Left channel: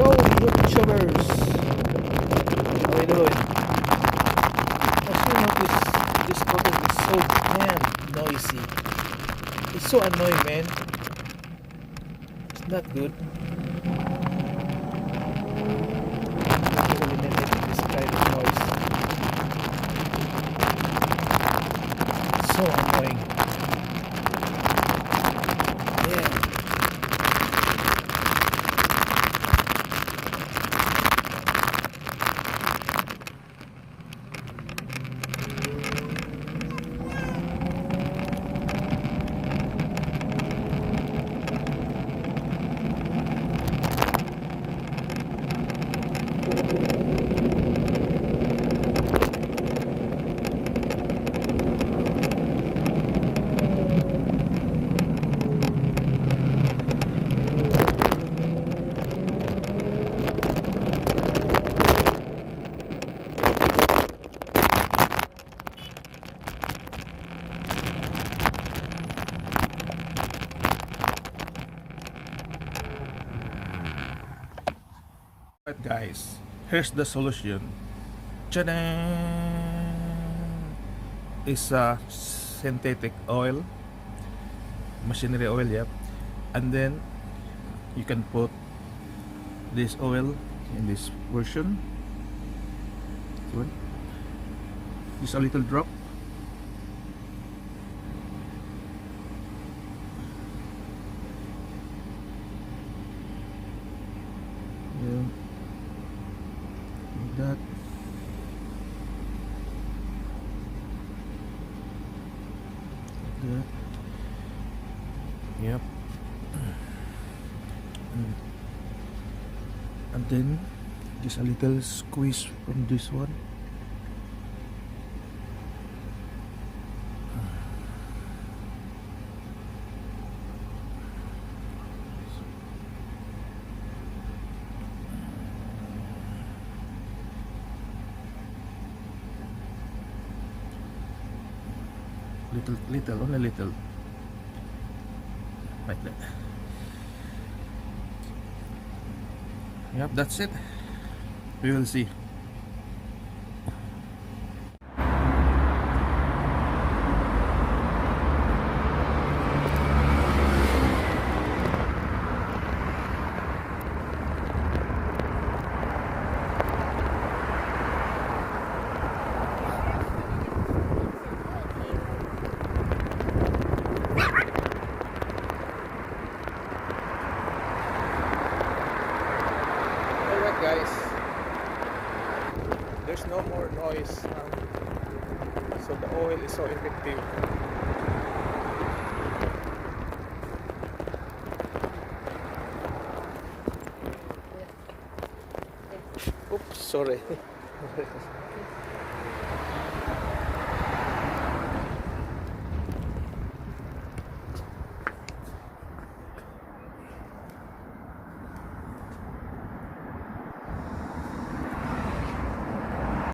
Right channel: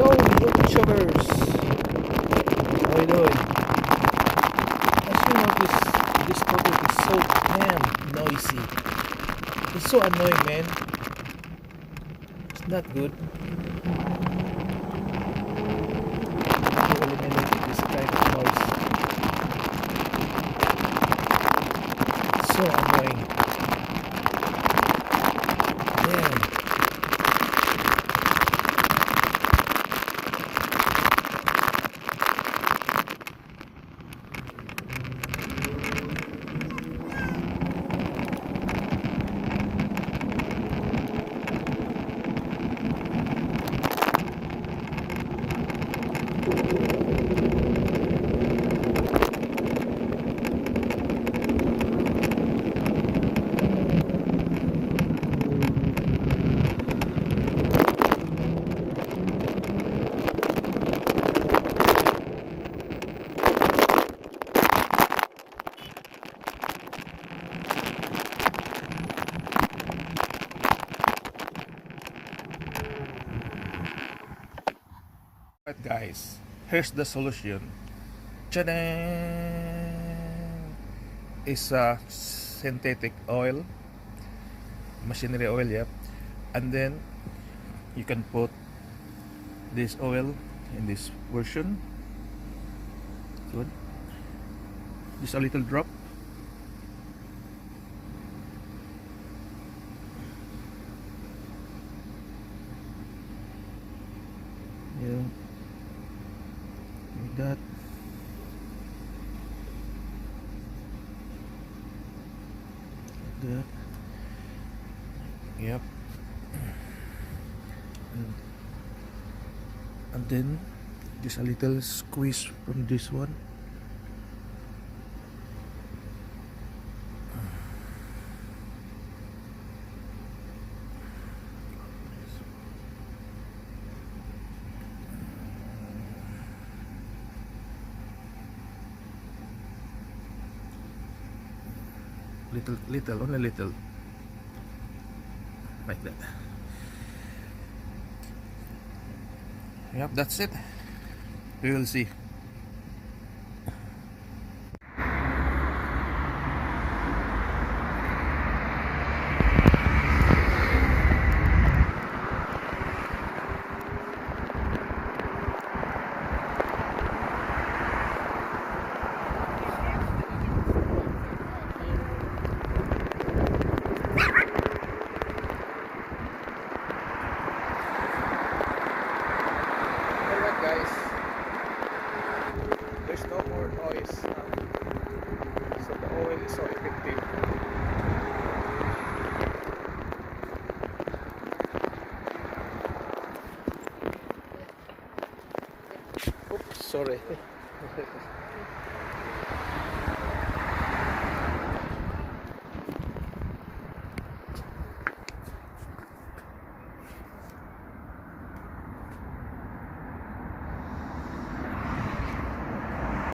Hello, YouTubers. How are you doing? As you notice, this photo is so damn noisy. It's so annoying, man. It's not good. I need to eliminate this kind of noise. It's so annoying. Damn. Right, guys, here's the solution. Ta-da! Is a synthetic oil, machinery oil, yep. And then you can put this oil in this version. Good. Just a little drop. Yeah. Like that. Like that. Yep. And then just a little squeeze from this one. Little, only little, like that. Yep, that's it. We will see. Alright, guys, there's no more noise now, so the oil is so effective. Oops, sorry.